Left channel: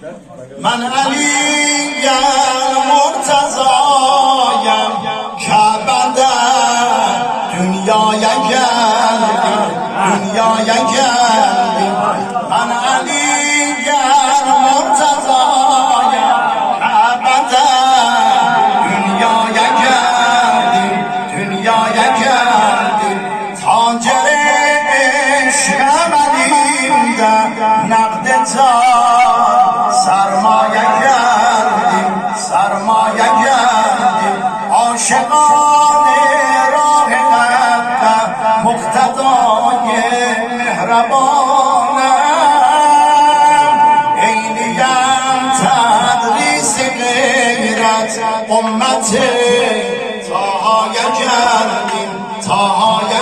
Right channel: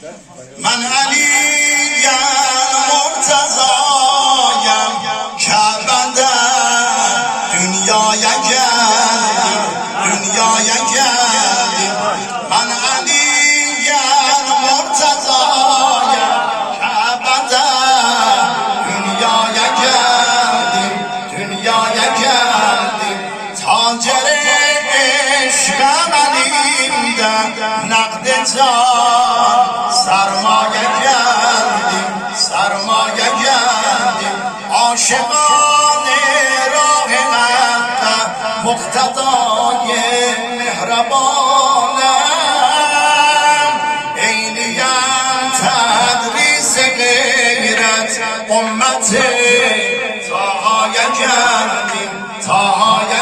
من علی مرتضایم کعبه در دنیای گردیم دنیای گردیم من علی مرتضایم کعبه در دنیای گردیم دنیای گردیم تاجر عشقم علیم در نقد جان سرمایه گردیم سرمایه گردیم عاشقان راه حق مقتدای مهربانم عینیم تدریس غیرت امت تاهای گردیم تاهای